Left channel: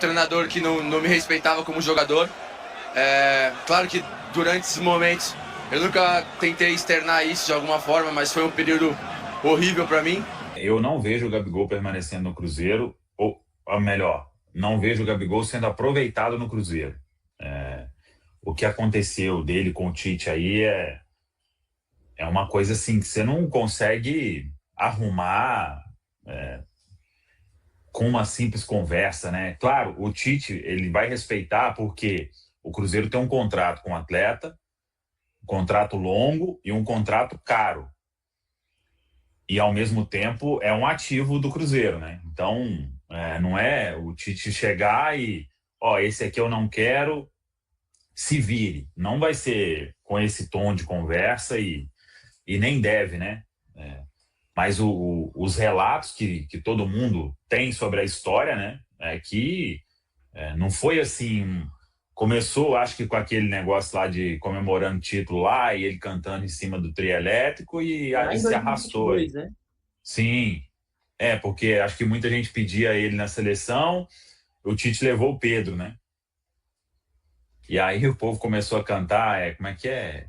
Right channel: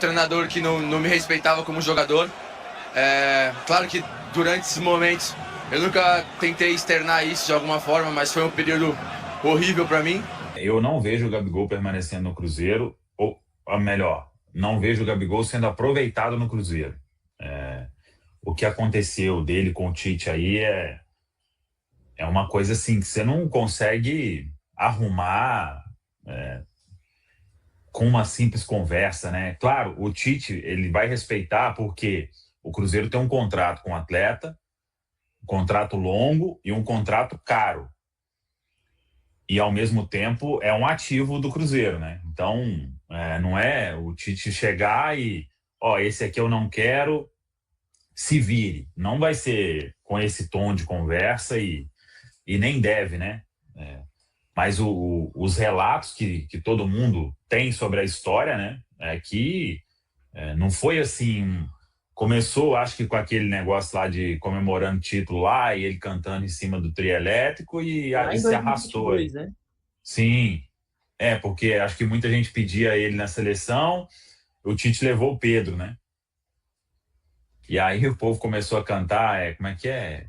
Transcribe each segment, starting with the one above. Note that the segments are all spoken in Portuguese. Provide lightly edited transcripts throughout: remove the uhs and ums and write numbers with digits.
treinador que não me respeitava como jogador. Claro que durante esses momentos eu nunca tentei externar isso de alguma forma, mas foi um período horrível para mim. Eu não vejo o Gabigol permanecendo no Cruzeiro, ou melhor, não vejo o Gabigol sendo aproveitado no Cruzeiro. O que aconteceu dele com o Tite aí é uma coisa assim que você não consegue arrumar com uma simples conversa, né? Claro, o Tite ele vai respeitar porque o Cruzeiro tem um contrato com o atleta, um contrato longo e um contrato caro. E, ao mesmo tempo, é um ativo do Cruzeiro, né? Então, não é o Tite chegar e, esse aqui eu não quero, se vire. Não vai ser com esse tom de conversa e nem deve, né? Mas os relatos que todo mundo tem sobre a história, né? É que não foi assim. Começou, acho que com aquele negócio lá de comemorando título lá e ele cantando em cima do trio elétrico e Lá aí em se arrastou 2022, aí. né? Sim, porque acho que muita gente pedia ele na seleção, o Tite levou o Pedro, né? E aí o povo começou a cantar, como é que é?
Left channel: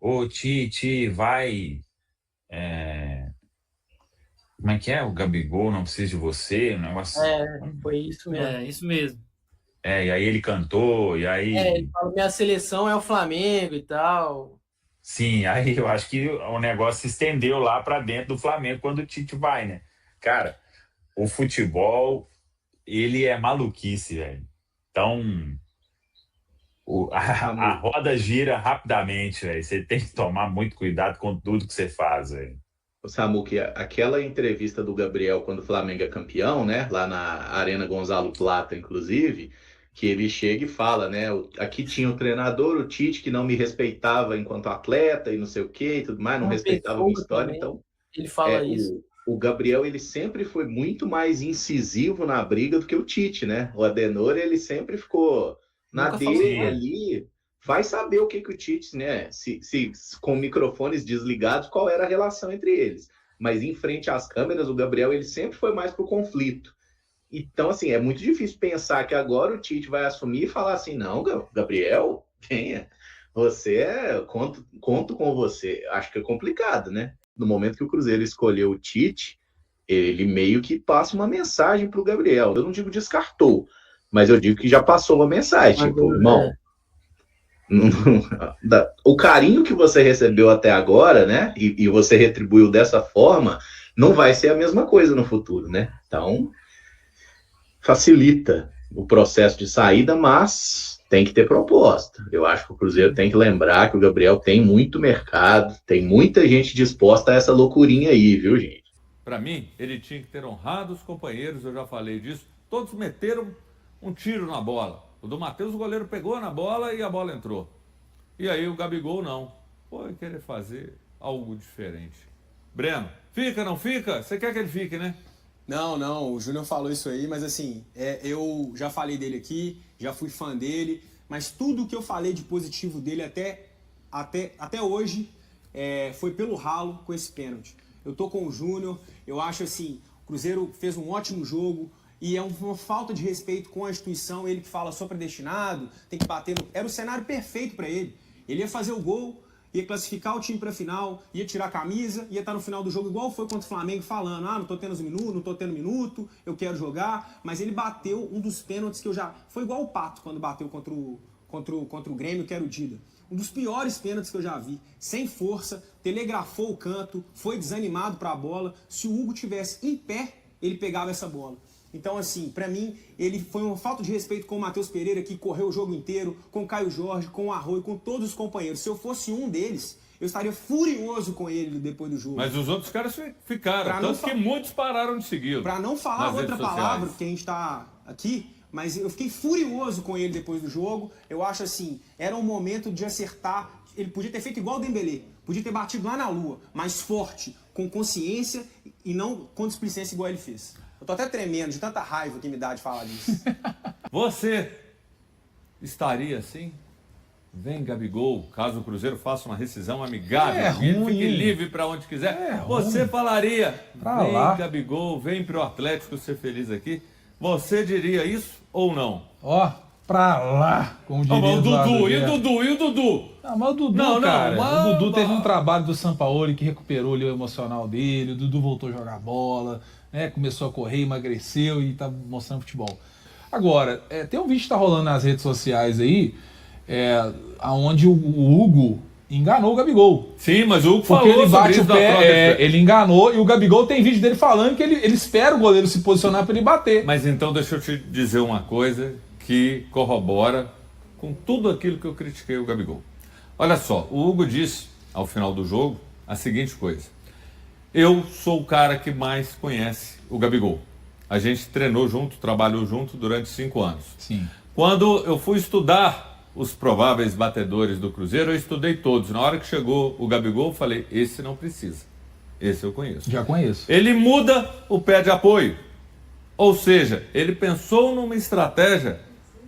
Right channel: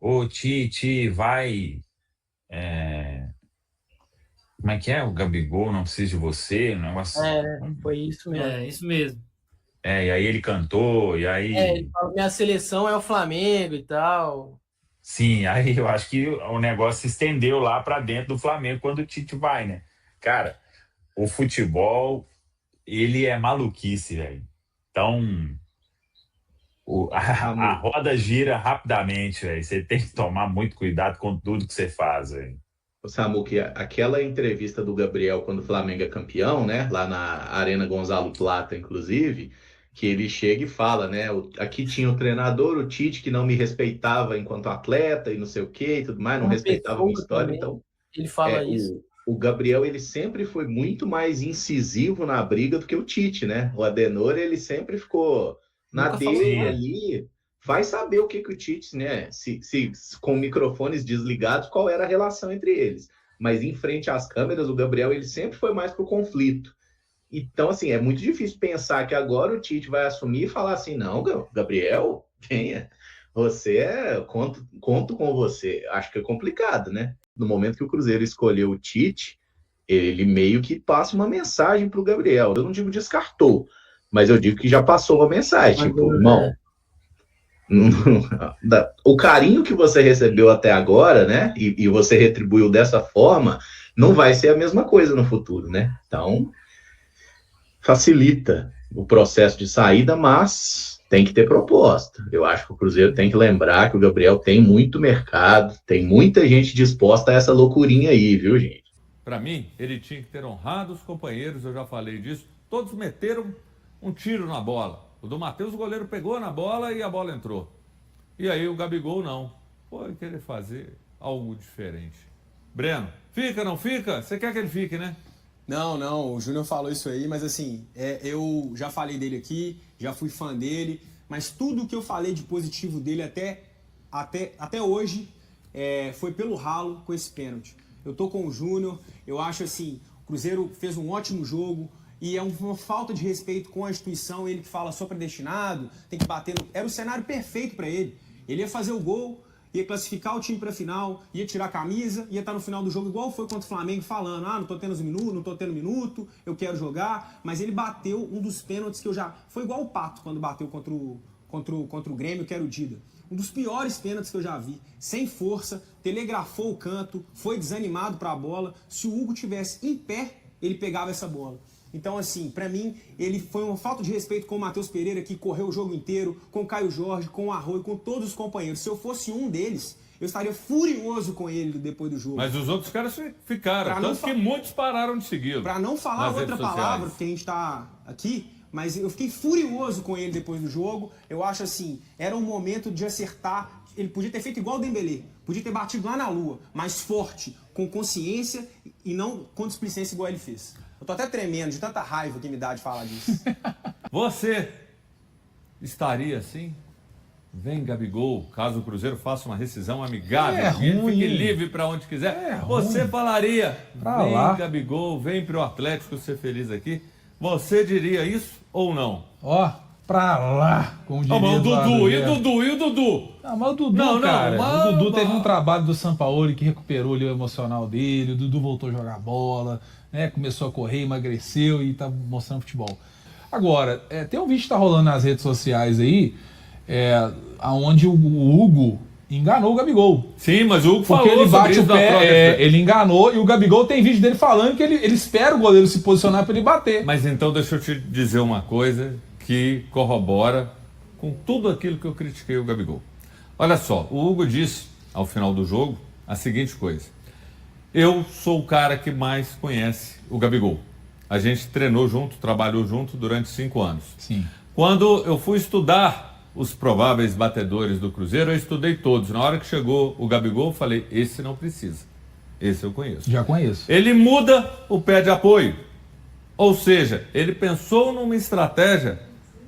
Ô Tite, vai. Como é que é? O Gabigol não precisa de você, um negócio. Foi isso mesmo. Isso mesmo. E aí ele cantou, e aí. Ele falou: minha seleção é o Flamengo e tal. Sim, aí eu acho que o negócio se estendeu lá para dentro do Flamengo quando o Tite vai, né? Cara, o futebol, ele é maluquice, velho. Então, a roda gira rapidamente, velho. Você tem que tomar muito cuidado com tudo que você faz, velho. Samu, que aquela entrevista do Gabriel quando o Flamengo é campeão, né? Lá na Arena Gonzalo Plata, inclusive, que ele chega e fala, né? Aqui tinha o treinador, o Tite, que não me respeitava enquanto atleta e não sei o quê e tudo mais, não Uma respeitava a minha pessoa história. também, Então, ele fala isso. o Gabriel, ele sempre foi muito mais incisivo na briga do que o Tite, né? O Adenor, ele sempre ficou na Nunca falou dele nada. ali. Vai saber o que o Tite, né? Se com microfones desligados, qual era a relação entre eles. Mas em frente às câmeras, o Gabriel, ele sempre foi mais pro conflito. Então, assim, é muito difícil pensar que agora o Tite vai assumir e falar assim, não, Gabriel, venha, conto com você. Acho que é complicado, né? No momento que o Cruzeiro escolheu o Tite, ele meio que passa uma mensagem pro Gabriel. Eu não digo descartou, mas eu digo que já passou uma mensagem, tipo, irmão, o carinho que você recebeu até agora, né? E você retribuiu dessa forma, não vai ser a mesma coisa no futuro, né? Então, facilita o processo de saída, mas tem que ter proposta. Eu acho que o Cruzeiro tem que lembrar que o Gabriel tem muito mercado, tem muita gente disposta a essa loucurinha aí, viu, gente? Para mim, ele tinha que ter honrado os companheiros, eu já falei disso. Todos meteram um tiro na bola. O do Matheus, o goleiro pegou na bola e a bola entrou. E aí o Gabigol não. Foi querer fazer algo diferente. Breno, fica, não fica? Você quer que ele fique, né? Não, o Júnior falou isso aí, mas assim, eu já falei dele aqui, já fui fã dele, mas tudo que eu falei de positivo dele até hoje foi pelo ralo com esse pênalti. Eu tô com o Júnior, eu acho assim, o Cruzeiro fez um ótimo jogo e é uma falta de respeito com a instituição, ele que fala só predestinado, tem que bater no... Era o cenário perfeito para ele. Ele ia fazer o gol, ia classificar o time para a final, ia tirar a camisa, ia estar no final do jogo igual foi contra o Flamengo, falando, não tô tendo minuto, não tô tendo minuto, eu quero jogar, mas ele bateu um dos pênaltis que eu já... Foi igual o Pato quando bateu contra o Grêmio, que era o Dida. Um dos piores pênaltis que eu já vi, sem força, telegrafou o canto, foi desanimado para a bola. Se o Hugo tivesse em pé, ele pegava essa bola. Então, assim, pra mim, ele foi uma falta de respeito com o Matheus Pereira, que correu o jogo inteiro, com o Caio Jorge, com o Arroio, com todos os companheiros. Se eu fosse um deles, eu estaria furioso com ele depois do jogo. Mas os outros caras ficaram, tanto que muitos pararam de segui-lo. Pra não falar outra palavra, porque a gente tá aqui, mas eu fiquei furioso com ele depois do jogo. Eu acho assim, era um momento de acertar. Ele podia ter feito igual o Dembélé, podia ter batido lá na lua, mais forte, com consciência e não com displicência igual ele fez. Eu tô até tremendo de tanta raiva que me dá de falar disso. Você estaria assim? Vem, Gabigol, caso o Cruzeiro faça uma rescisão amigável, fique livre para onde quiser. Você falaria, vem, Gabigol, vem pro Atlético ser feliz aqui. Você diria isso ou não? Ó, pra lá, como diria Mas o Eduardo Dudu, Guerra. e o Dudu? Não, mas o Dudu, Não, cara, mas- o Dudu teve um trabalho do Sampaoli que recuperou ali o emocional dele, o Dudu voltou a jogar bola, né, começou a correr, emagreceu e tá mostrando futebol. Agora, tem um vídeo que tá rolando nas redes sociais aí, onde o Hugo enganou o Gabigol. Sim, mas o Hugo Porque falou ele bate sobre o isso na troca pé, de- ele enganou, e o Gabigol tem vídeo dele falando que ele espera o goleiro se posicionar para ele bater. Mas então deixa eu te dizer uma coisa que corrobora com tudo aquilo que eu critiquei o Gabigol. Olha só, o Hugo disse ao final do jogo a seguinte coisa: eu sou o cara que mais conhece o Gabigol. A gente treinou junto, trabalhou junto durante 5 anos. Sim. Quando eu fui estudar os prováveis batedores do Cruzeiro, eu estudei todos. Na hora que chegou o Gabigol, eu falei, esse não precisa. Esse eu conheço. Já conheço. Ele muda o pé de apoio. Ou seja, ele pensou numa estratégia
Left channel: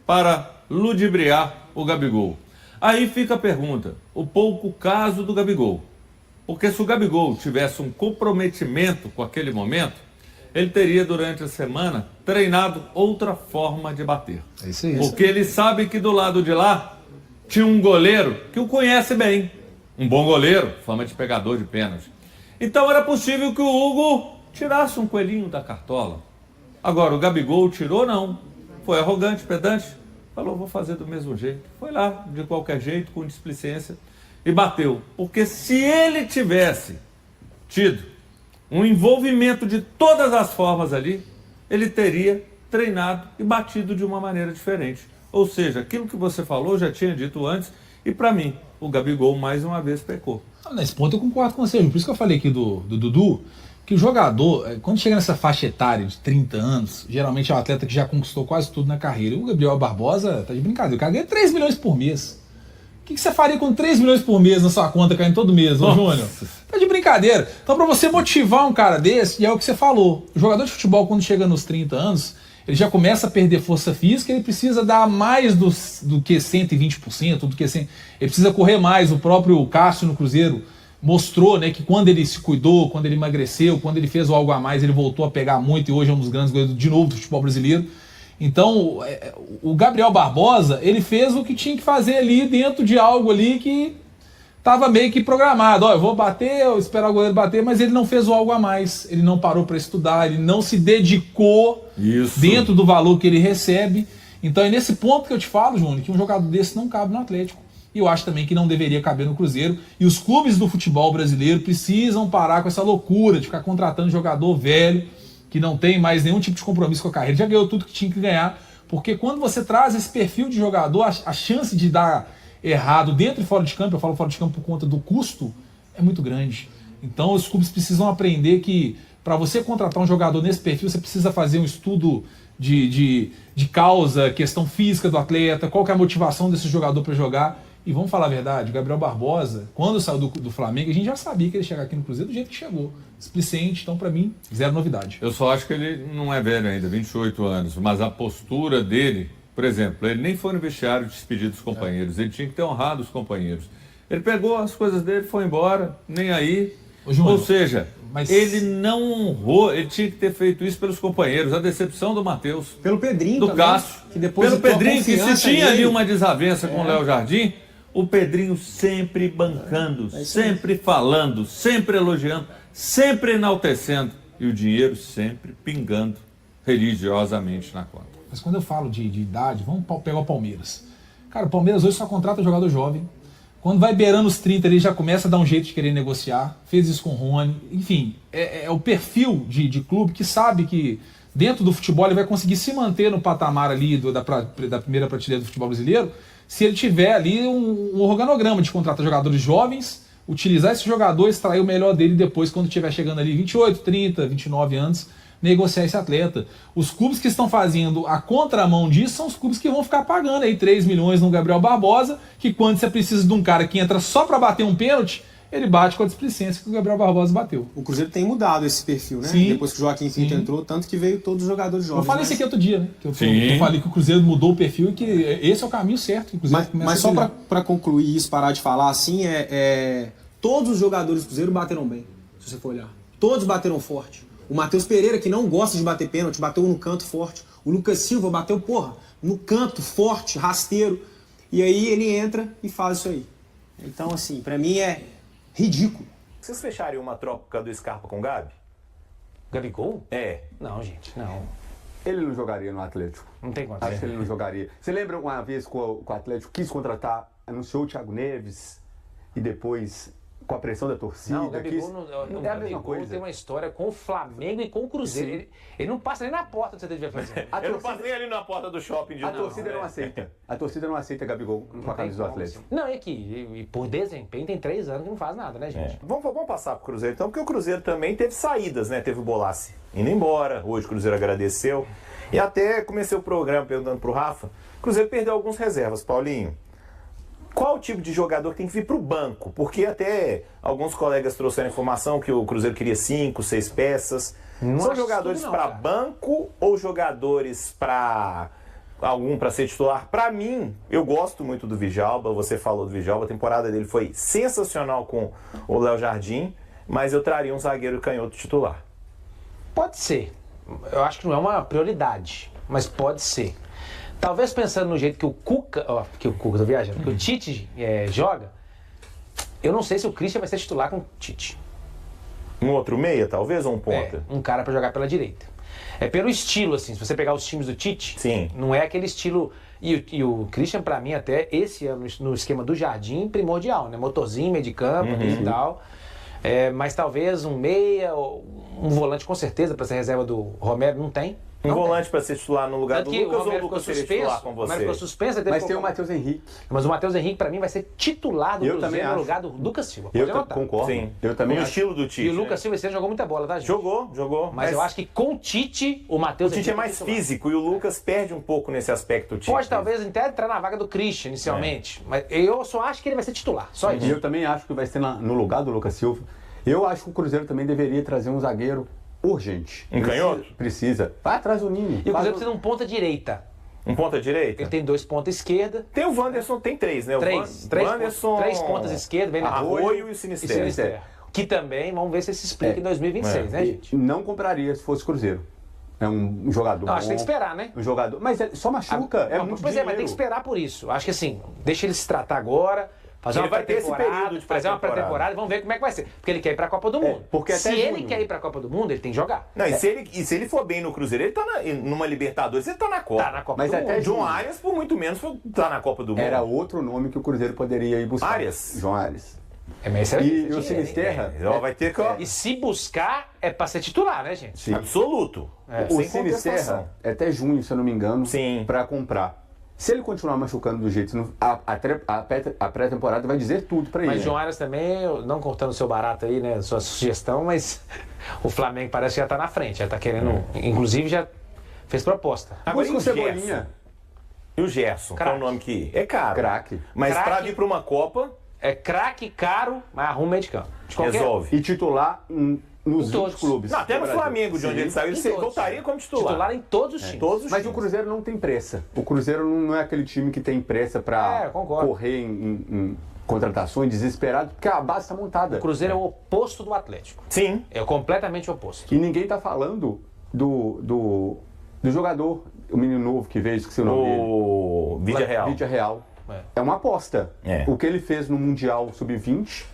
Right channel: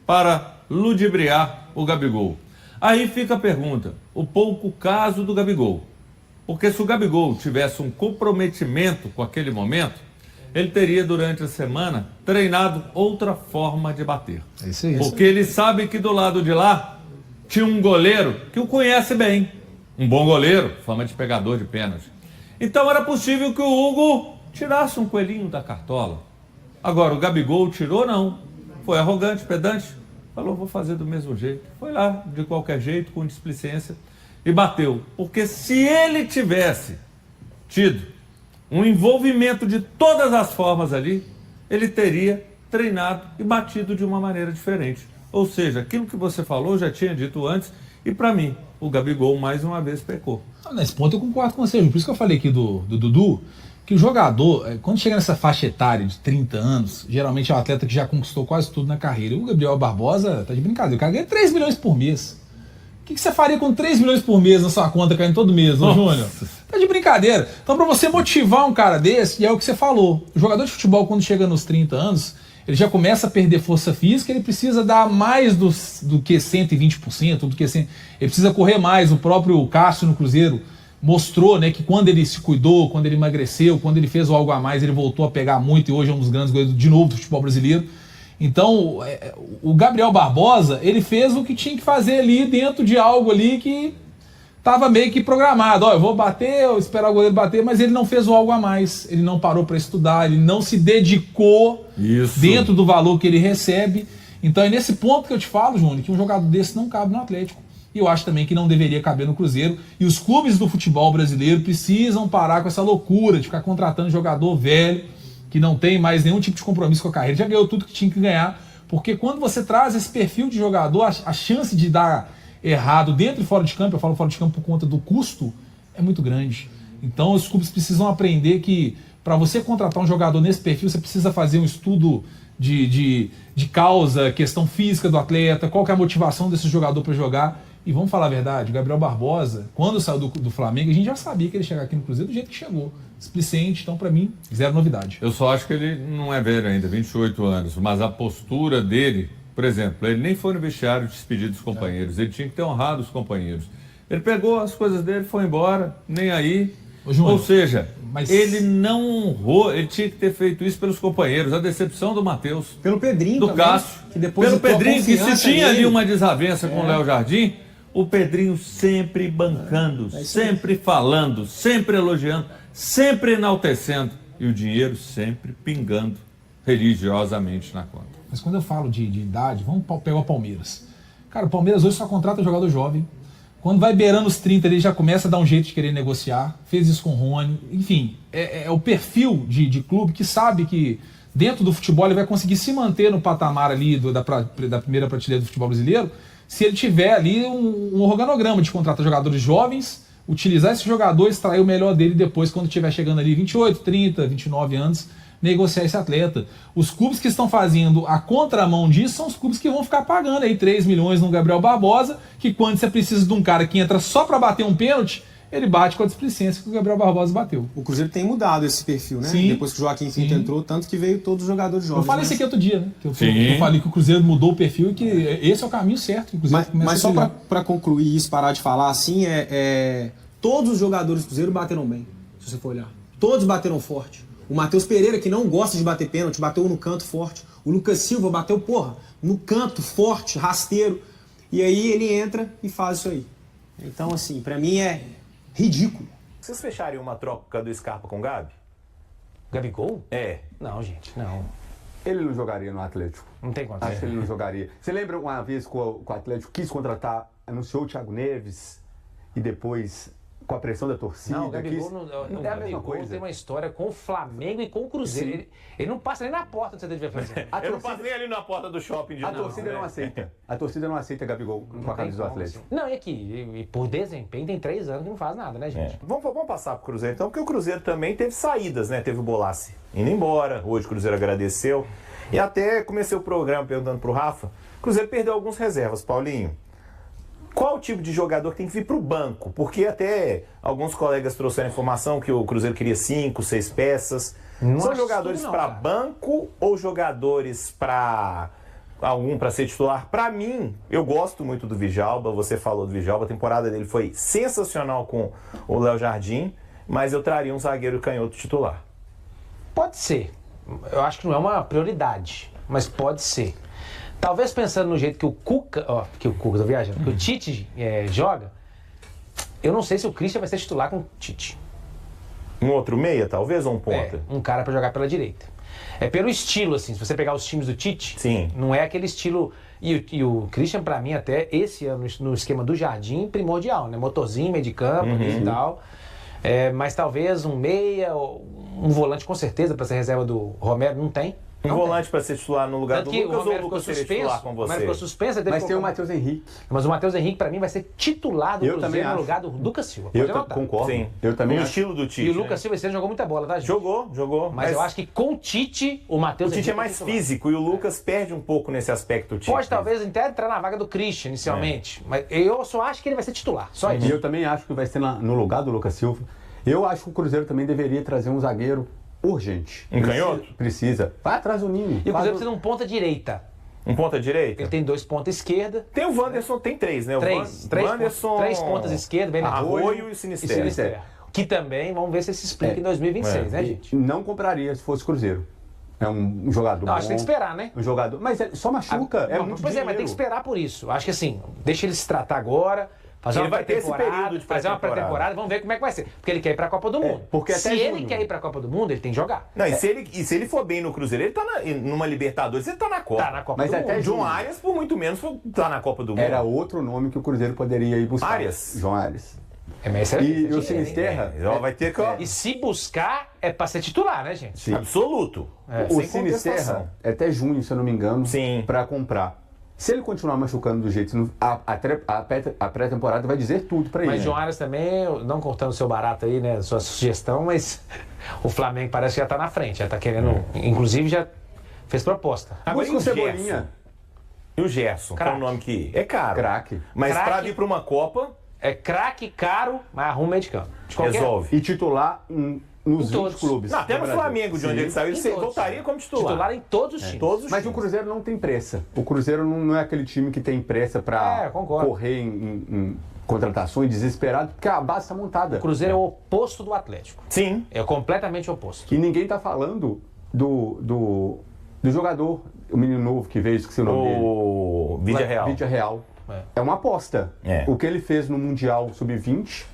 para ludibriar o Gabigol. Aí fica a pergunta, o pouco caso do Gabigol. Porque se o Gabigol tivesse um comprometimento com aquele momento, ele teria durante a semana treinado outra forma de bater. É isso aí. Porque ele sabe que do lado de lá tinha um goleiro que o conhece bem. Um bom goleiro, fama de pegador de pênalti. Então era possível que o Hugo tirasse um coelhinho da cartola. Agora, o Gabigol tirou, não. Foi arrogante, pedante. Falou, vou fazer do mesmo jeito. Foi lá, de qualquer jeito, com displicência, e bateu. Porque se ele tivesse tido um envolvimento de todas as formas ali, ele teria treinado e batido de uma maneira diferente. Ou seja, aquilo que você falou, eu já tinha dito antes, e para mim, o Gabigol mais uma vez pecou. Nesse ponto eu concordo com você, por isso que eu falei aqui do Dudu, que o jogador, quando chega nessa faixa etária de 30 anos, geralmente é um atleta que já conquistou quase tudo na carreira. O Gabriel Barbosa tá de brincadeira, o cara ganha 3 milhões por mês. O que você faria com 3 milhões por mês na sua conta caindo todo mês, não, Júnior? Tá de brincadeira. Então, pra você motivar um cara desse, é o que você falou. O jogador de futebol, quando chega nos 30 anos, ele já começa a perder força física, ele precisa dar mais do que 120%, do que 100%. Ele precisa correr mais. O próprio Cássio no Cruzeiro mostrou, né, que quando ele se cuidou, quando ele emagreceu, quando ele fez o algo a mais, ele voltou a pegar muito e hoje é um dos grandes goleiros de novo do futebol brasileiro. Então, o Gabriel Barbosa, ele fez o que tinha que fazer ali dentro de algo ali que estava meio que programado. Ó, eu vou bater, eu esperar o goleiro bater, mas ele não fez o algo a mais. Ele não parou para estudar, ele não se dedicou dentro do valor que ele recebe. Então é nesse ponto que eu te falo, Júnior, que um jogador desse não cabe no Atlético. E eu acho também que não deveria caber no Cruzeiro. E os clubes do futebol brasileiro precisam parar com essa loucura de ficar contratando jogador velho, que não tem mais nenhum tipo de compromisso com a carreira. Já ganhou tudo que tinha que ganhar. Porque quando você traz esse perfil de jogador, a chance de dar errado dentro e fora de campo, eu falo fora de campo por conta do custo, é muito grande. Então os clubes precisam aprender que para você contratar um jogador nesse perfil, você precisa fazer um estudo de causa, questão física do atleta, qual que é a motivação desse jogador para jogar. E vamos falar a verdade, o Gabriel Barbosa, quando saiu do Flamengo, a gente já sabia que ele ia chegar aqui no Cruzeiro do jeito que chegou. Displicente, então para mim, zero novidade. Eu só acho que ele não é velho ainda, 28 anos, mas a postura dele, por exemplo, ele nem foi no vestiário despedir dos companheiros, ele tinha que ter honrado os companheiros. Ele pegou as coisas dele, foi embora, nem aí. Ou seja, ele não honrou, ele tinha que ter feito isso pelos companheiros. A decepção do Matheus. Pelo Pedrinho do também, Cássio. que depois pelo Pedrinho, que se tinha nele, ali uma desavença com o Léo Jardim, o Pedrinho sempre bancando, sempre falando, sempre elogiando, sempre enaltecendo. E o dinheiro sempre pingando religiosamente na conta. Mas quando eu falo de idade, vamos pegar o Palmeiras. Cara, o Palmeiras hoje só contrata jogador jovem. Quando vai beirando os 30, ele já começa a dar um jeito de querer negociar. Fez isso com o Rony. Enfim, é o perfil de clube que sabe que dentro do futebol ele vai conseguir se manter no patamar ali da primeira prateleira do futebol brasileiro se ele tiver ali um organograma de contratar jogadores jovens, utilizar esse jogador, extrair o melhor dele depois, quando estiver chegando ali 28, 30, 29 anos, negociar esse atleta. Os clubes que estão fazendo a contramão disso são os clubes que vão ficar pagando aí 3 milhões no Gabriel Barbosa, que quando você precisa de um cara que entra só para bater um pênalti, ele bate com a displicência que o Gabriel Barbosa bateu. O Cruzeiro tem mudado esse perfil, né? Sim, depois que o Joaquim Pinto entrou, tanto que veio todos os jogadores jovens. Eu falei isso aqui outro dia, né? Eu falei que o Cruzeiro mudou o perfil e que esse é o caminho certo. Mas só para concluir isso, parar de falar assim, todos os jogadores do Cruzeiro bateram bem, se você for olhar. Todos bateram forte. O Matheus Pereira, que não gosta de bater pênalti, bateu no canto forte. O Lucas Silva bateu, porra, no canto, forte, rasteiro. E aí ele entra e faz isso aí. Então, assim, pra mim é ridículo. Vocês fechariam uma troca do Scarpa com o Gabi? Gabigol? É. Não, gente, não. Ele não jogaria no Atlético. Não tem Acho condição. que ele não jogaria. Você lembra uma vez que o Atlético quis contratar, anunciou o Thiago Neves e depois, com a pressão da torcida, Não, o Gabigol, quis... não, é a mesma Gabigol coisa. tem uma história com o Flamengo e com o Cruzeiro. Ele não passa nem na porta do CT de Verfazer. Eu não passei ali na porta do shopping de A novo, torcida né? não aceita. A torcida não aceita Gabigol com a camisa do Atlético. Não, e aqui, e por desempenho tem 3 anos que não faz nada, né, gente? Vamos passar pro Cruzeiro então, porque o Cruzeiro também teve saídas, né? Teve o Bolassi indo embora, hoje o Cruzeiro agradeceu. E até comecei o programa perguntando pro Rafa, o Cruzeiro perdeu algumas reservas, Paulinho. Qual o tipo de jogador que tem que vir pro banco? Porque até alguns colegas trouxeram informação que o Cruzeiro queria 5, 6 peças. Não São acho jogadores tudo não, para cara. banco ou jogadores para algum para ser titular? Para mim, eu gosto muito do Djalma, você falou do Djalma, a temporada dele foi sensacional com o Léo Jardim, mas eu traria um zagueiro canhoto titular. Pode ser. Eu acho que não é uma prioridade, mas pode ser. Talvez pensando no jeito que o Cuca, tô viajando, que o Tite joga, eu não sei se o Christian vai ser titular com o Tite. Um outro meia, talvez, ou um ponta? Um cara pra jogar pela direita. É pelo estilo, assim, se você pegar os times do Tite, Sim. não é aquele estilo... E o Christian, pra mim, até esse ano, no esquema do Jardim, primordial, né? Motorzinho, meio de campo e tal. Mas talvez um meia, um volante com certeza, pra ser reserva do Romero, não tem. Um Não volante para ser titular no lugar Tanto do que Lucas, o ou o Romero Lucas ficou seria suspenso, titular com o Romero você? ficou suspenso, aí teve Mas que tem o colocar- Matheus Henrique. Mas o Matheus Henrique, pra mim, vai ser titular do Eu também Cruzeiro no acho. lugar do Lucas Silva. Eu Pode anotar. concordo. Sim. Eu também No acho. estilo do Tite. E o Lucas né? Silva esse ano jogou muita bola, tá, gente? Jogou. Mas eu acho que com o Tite, o Matheus O Tite é Henrique mais titular. físico e o Lucas perde um pouco nesse aspecto. Tite. Pode talvez até entrar na vaga do Christian inicialmente. Mas eu só acho que ele vai ser titular. Só isso. E eu também acho que vai ser no lugar do Lucas Silva. Eu acho que o Cruzeiro também deveria trazer um zagueiro urgente. Um canhoto? Precisa. Vai atrás do Ninho. E o Cruzeiro precisa de um ponta direita. Um ponta direita? Ele tem 2 pontas esquerda. Tem o Wanderson, tem 3, né? O Três Wanderson... pontas esquerda, bem na Arroio e E Sinisterra. Sinisterra. Que também, vamos ver se se explica em 2026, né, gente? Não compraria se fosse Cruzeiro. É um jogador Não, bom. acho que tem que esperar, né? Um jogador... Mas ele só machuca. Não, muito pois é, mas tem dinheiro. que esperar por isso. Acho que assim, deixa ele se tratar agora, fazer Ele uma vai ter esse pré-temporada, período de fazer uma pré-temporada. pré-temporada e vamos ver como é que vai ser. Porque ele quer ir pra Copa do Mundo. porque se até ele junho. quer ir pra Copa do Mundo, ele tem que jogar. Não, e se ele for bem no Cruzeiro, ele tá numa Libertadores, ele tá na Copa. Tá na Copa Mas do até Mundo. João Arias, por muito menos, tá na Copa do Mundo. Era outro nome que o Cruzeiro poderia ir buscar. Arias? João Arias. Mas E isso é o dinheiro, hein? Sinisterra... Ela vai ter que... E se buscar, é pra ser titular, né, gente? Sim. Absoluto. O Sem Sinisterra contestação. é até junho, se eu não me engano, Sim. pra comprar. Se ele continuar machucando do jeito, a pré-temporada vai dizer tudo pra ele. Mas João Arias também, não cortando o seu barato aí, né, sua sugestão, mas o Flamengo parece que já tá na frente, já tá querendo, inclusive já fez proposta. Agora, Busca o e o Cebolinha. Gerson? E o Gerson, qual é o nome que... É caro. Craque. Mas pra Craque. vir pra uma Copa, É craque, caro, mas arruma meio de campo. De qualquer- resolve. E titular nos Em todos. 20 clubes. Não, até do no Brasil. Flamengo, de onde Sim. ele saiu, Em ele todos. voltaria como titular. Titular em todos os times. Todos os Mas o times. Cruzeiro não tem pressa. O Cruzeiro não é aquele time que tem pressa pra concordo. correr em contratações desesperado, porque a base tá montada. O Cruzeiro é o oposto do Atlético. Sim. É completamente o oposto. E ninguém tá falando do jogador, o menino novo que veio, esqueci o nome dele. O Vídea Real. Vídea Real. É uma aposta. É. O que ele fez no Mundial Sub-20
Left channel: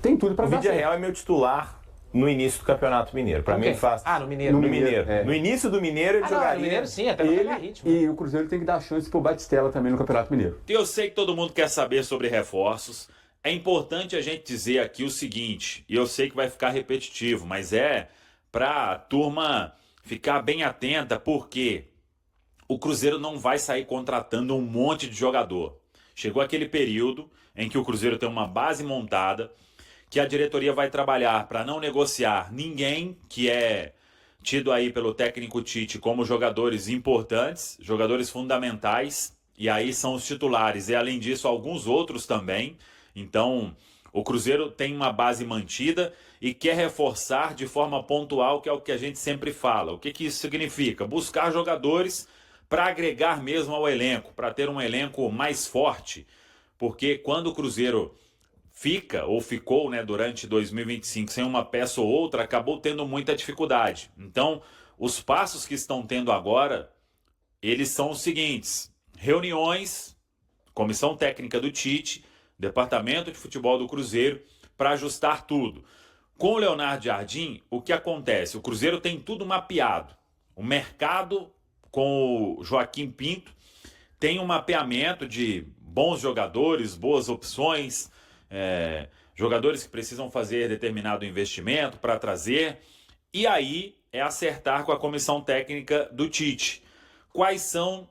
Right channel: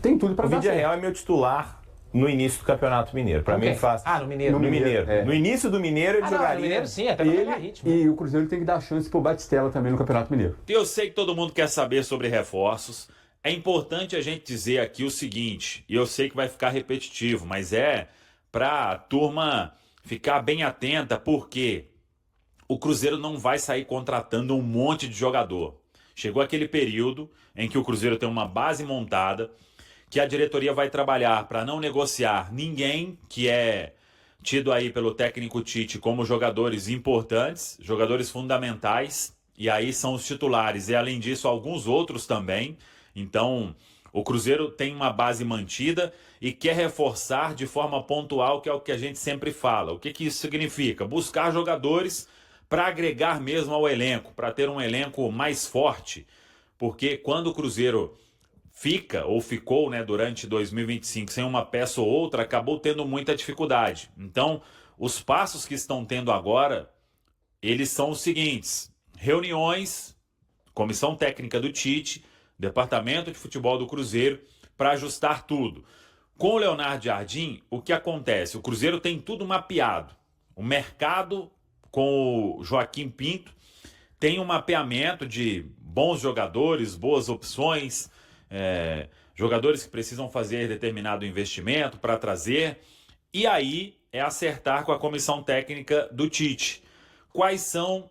tem tudo pra O dar Vídea certo. Real é meu titular no início do Campeonato Mineiro. Pra Com mim, quem? ele faz... Ah, no Mineiro. No No Mineiro. Mineiro, é. No início do Mineiro, ele Não, jogaria... no Mineiro sim, até pra pegar ritmo. E o Cruzeiro tem que dar chance pro Batistella também no Campeonato Mineiro. Eu sei que todo mundo quer saber sobre reforços. É importante a gente dizer aqui o seguinte, e eu sei que vai ficar repetitivo, mas é para a turma ficar bem atenta, porque o Cruzeiro não vai sair contratando um monte de jogador. Chegou aquele período em que o Cruzeiro tem uma base montada, que a diretoria vai trabalhar para não negociar ninguém que é tido aí pelo técnico Tite como jogadores importantes, jogadores fundamentais, e aí são os titulares, e além disso alguns outros também. Então o Cruzeiro tem uma base mantida e quer reforçar de forma pontual, que é o que a gente sempre fala. O que isso significa? Buscar jogadores para agregar mesmo ao elenco, para ter um elenco mais forte, porque quando o Cruzeiro fica ou ficou, né, durante 2025 sem uma peça ou outra, acabou tendo muita dificuldade. Então, os passos que estão tendo agora eles são os seguintes: reuniões, comissão técnica do Tite, departamento de futebol do Cruzeiro, para ajustar tudo. Com o Leonardo Jardim, o que acontece? O Cruzeiro tem tudo mapeado. O mercado, com o Joaquim Pinto, tem um mapeamento de bons jogadores, boas opções, jogadores que precisam fazer determinado investimento para trazer. E aí é acertar com a comissão técnica do Tite quais são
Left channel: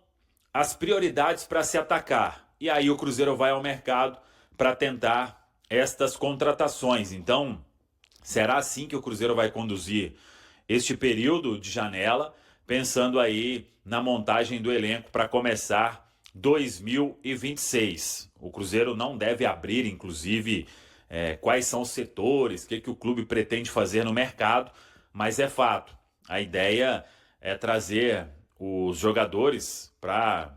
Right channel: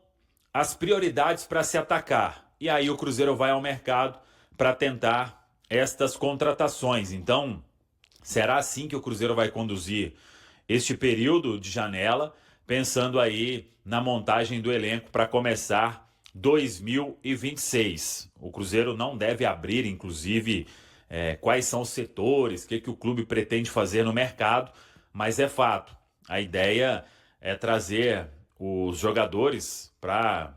as prioridades para se atacar. E aí o Cruzeiro vai ao mercado para tentar estas contratações. Então, será assim que o Cruzeiro vai conduzir este período de janela, pensando aí na montagem do elenco para começar 2026. O Cruzeiro não deve abrir, inclusive, quais são os setores, o que o clube pretende fazer no mercado, mas é fato. A ideia é trazer os jogadores para,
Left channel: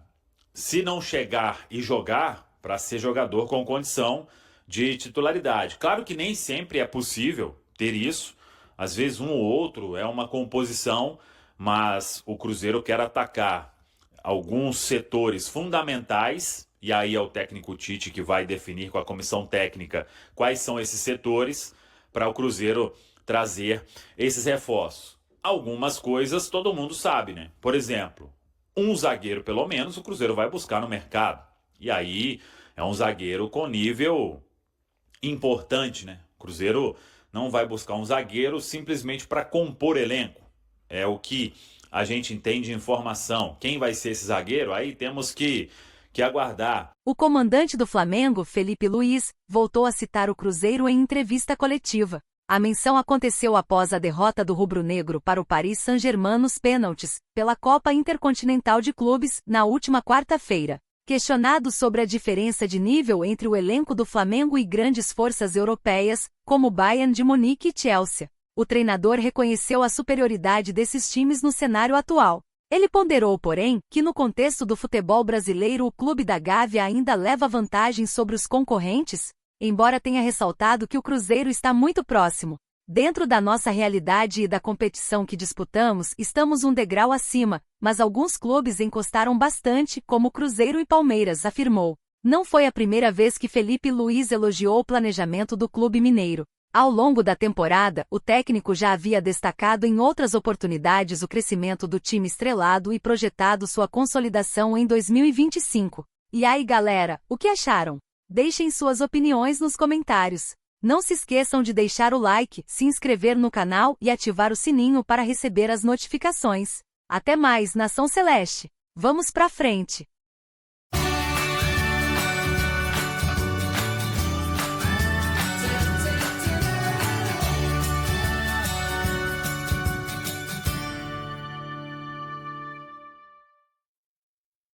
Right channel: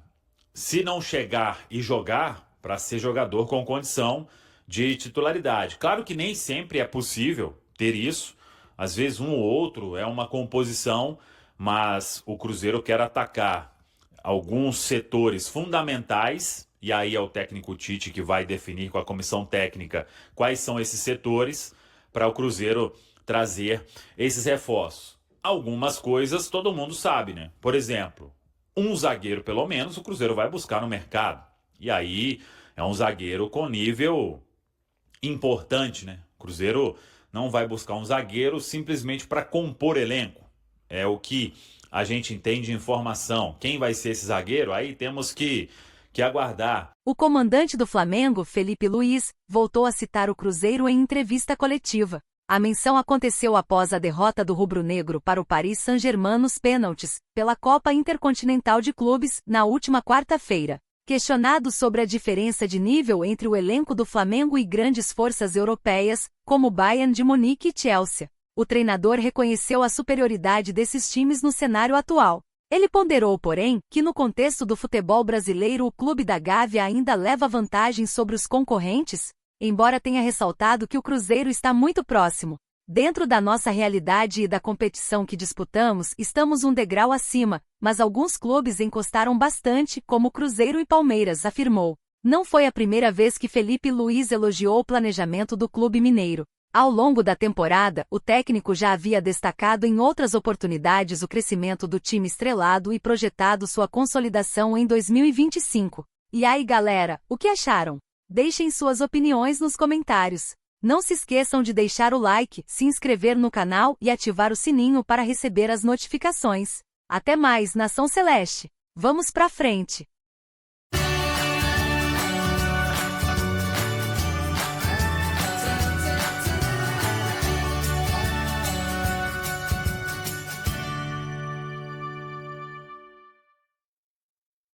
se não chegar e jogar, para ser jogador com condição de titularidade. Claro que nem sempre é possível ter isso. Às vezes um ou outro é uma composição, mas o Cruzeiro quer atacar alguns setores fundamentais, e aí é o técnico Tite que vai definir com a comissão técnica quais são esses setores para o Cruzeiro trazer esses reforços. Algumas coisas todo mundo sabe, né? Por exemplo, um zagueiro pelo menos o Cruzeiro vai buscar no mercado. E aí é um zagueiro com nível importante, né? O Cruzeiro não vai buscar um zagueiro simplesmente para compor elenco. É o que a gente entende de informação. Quem vai ser esse zagueiro? Aí temos que aguardar. O comandante do Flamengo, Felipe Luiz, voltou a citar o Cruzeiro em entrevista coletiva. A menção aconteceu após a derrota do rubro-negro para o Paris Saint-Germain nos pênaltis, pela Copa Intercontinental de Clubes, na última quarta-feira. Questionado sobre a diferença de nível entre o elenco do Flamengo e grandes forças europeias, como Bayern de Munique e Chelsea, o treinador reconheceu a superioridade desses times no cenário atual. Ele ponderou, porém, que no contexto do futebol brasileiro o clube da Gávea ainda leva vantagem sobre os concorrentes, embora tenha ressaltado que o Cruzeiro está muito próximo. Dentro da nossa realidade e da competição que disputamos, estamos um degrau acima, mas alguns clubes encostaram bastante, como Cruzeiro e Palmeiras, afirmou. Não foi a primeira vez que Felipe Luiz elogiou o planejamento do clube mineiro. Ao longo da temporada, o técnico já havia destacado em outras oportunidades o crescimento do time estrelado e projetado sua consolidação em 2025. E aí, galera, o que acharam? Deixem suas opiniões nos comentários. Não se esqueçam de deixar o like, se inscrever no canal e ativar o sininho para receber as notificações. Até mais, Nação Celeste! Vamos pra frente!